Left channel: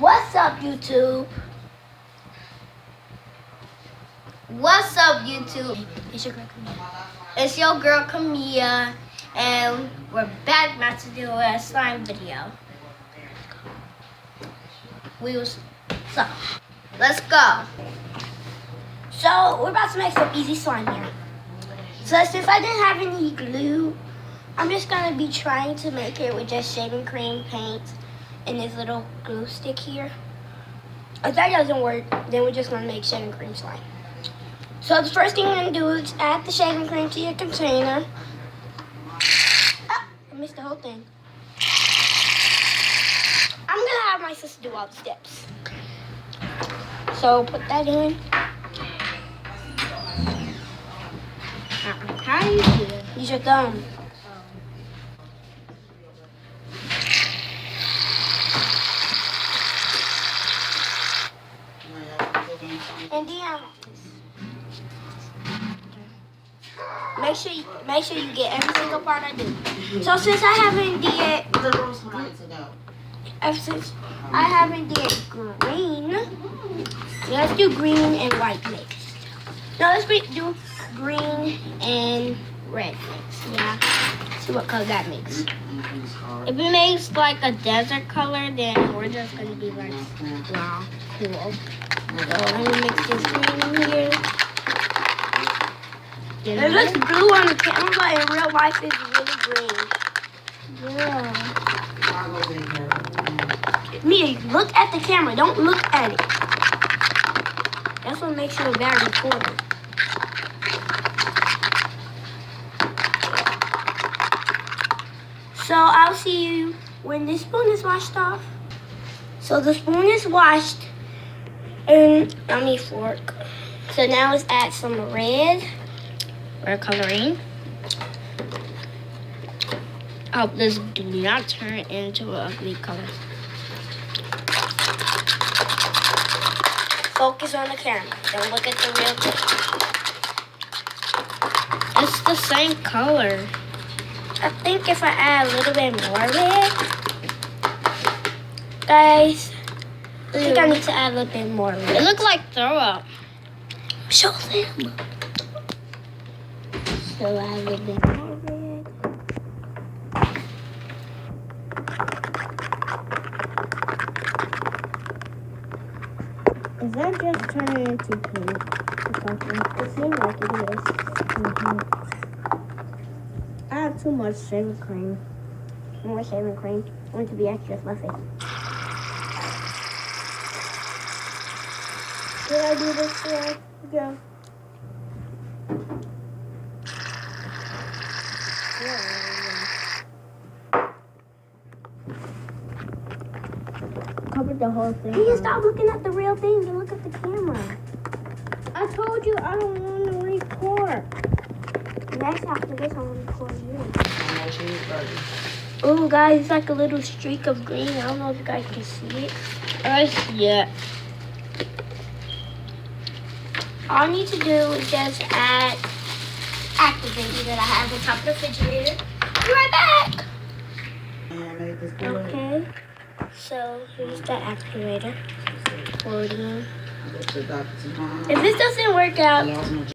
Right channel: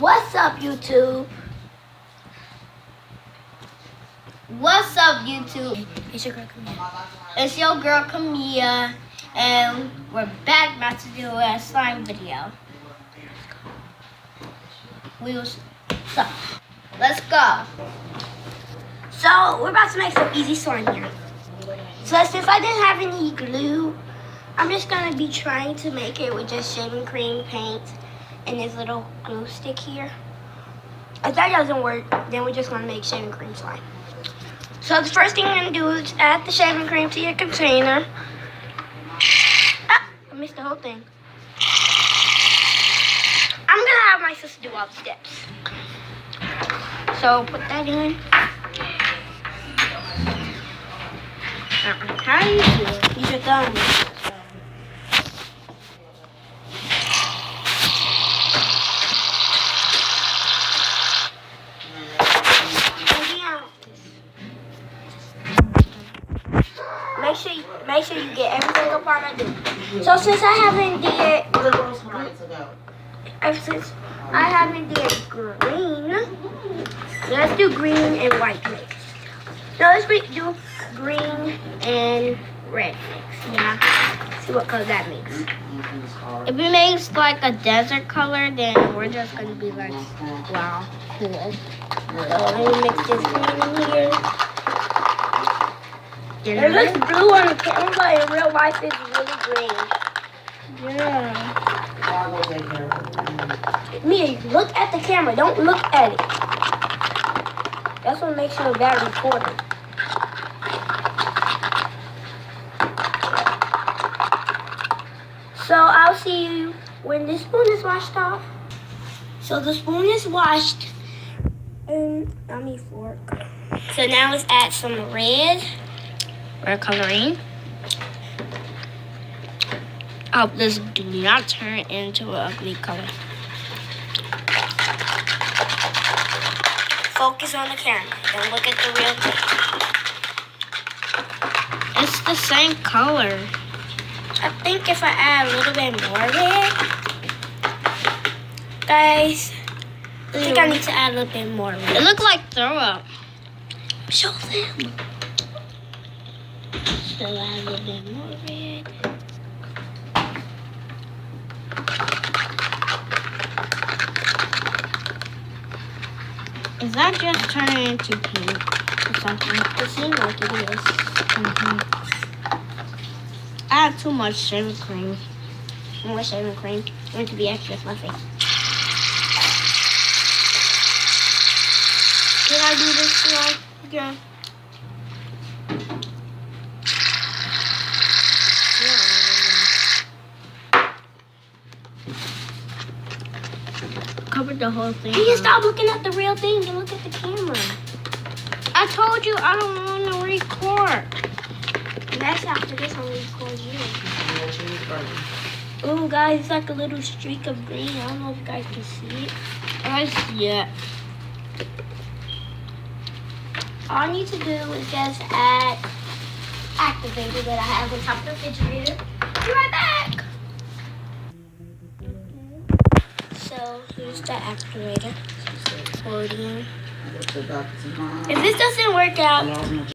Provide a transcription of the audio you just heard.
What's up, YouTube? What's up, YouTube? It's your girl Camille. It's your girl Camilla, and we're back about to do a slime video. So, let's go. So, we're about to make some easy slime here. So, since I didn't have any glue, I'm just gonna be trying to make it with just shaving cream, paint, and this little glue stick here. If that doesn't work, then we're just gonna make shaving cream slime. So the first thing I'm gonna do is add the shaving cream to your container. Ah, I missed the whole thing. I'm gonna have my sister do all the steps. So put that in. How do you do it? Use your thumb. Make sure you get every single part I do. So since I haven't did green, let's do green and white mix. Now let's do green and red mix. Yeah. See what color that makes. If it makes like a desert color, then we're just gonna be like, wow, cool. So let me mix this green in here. It looks blue on the camera, but in real life it's really green. Yeah. Mia, look at the camera. Don't look at it. That's what makes you a bad reporter. So I'll see you when the spoon is washed off. So the spoon is washed, and I need fork. So now let's add some red coloring. I hope this do not turn into an ugly color. Focus on the camera. Don't look at the real thing. It's the same color. I think if I add a little bit more red, guys, I think I need to add a little bit more red. It looks like throw up. Show them. So add a little bit more red. Is that just turning into pink or something? It seems like it is. I have too much shaving cream. More shaving cream. I want it to be extra fluffy. Can I do this one again? Covered the whole thing. You stop looking at the real thing and look at the camera. I told you I don't want to record. Next after this, I'll record you. Oh, guys, it's like a little streak of green. I don't know if you guys can see it. I see it. All I need to do is just add activator that I have on top of the refrigerator. Be right back. Okay. So here's the activator. If this doesn't work out,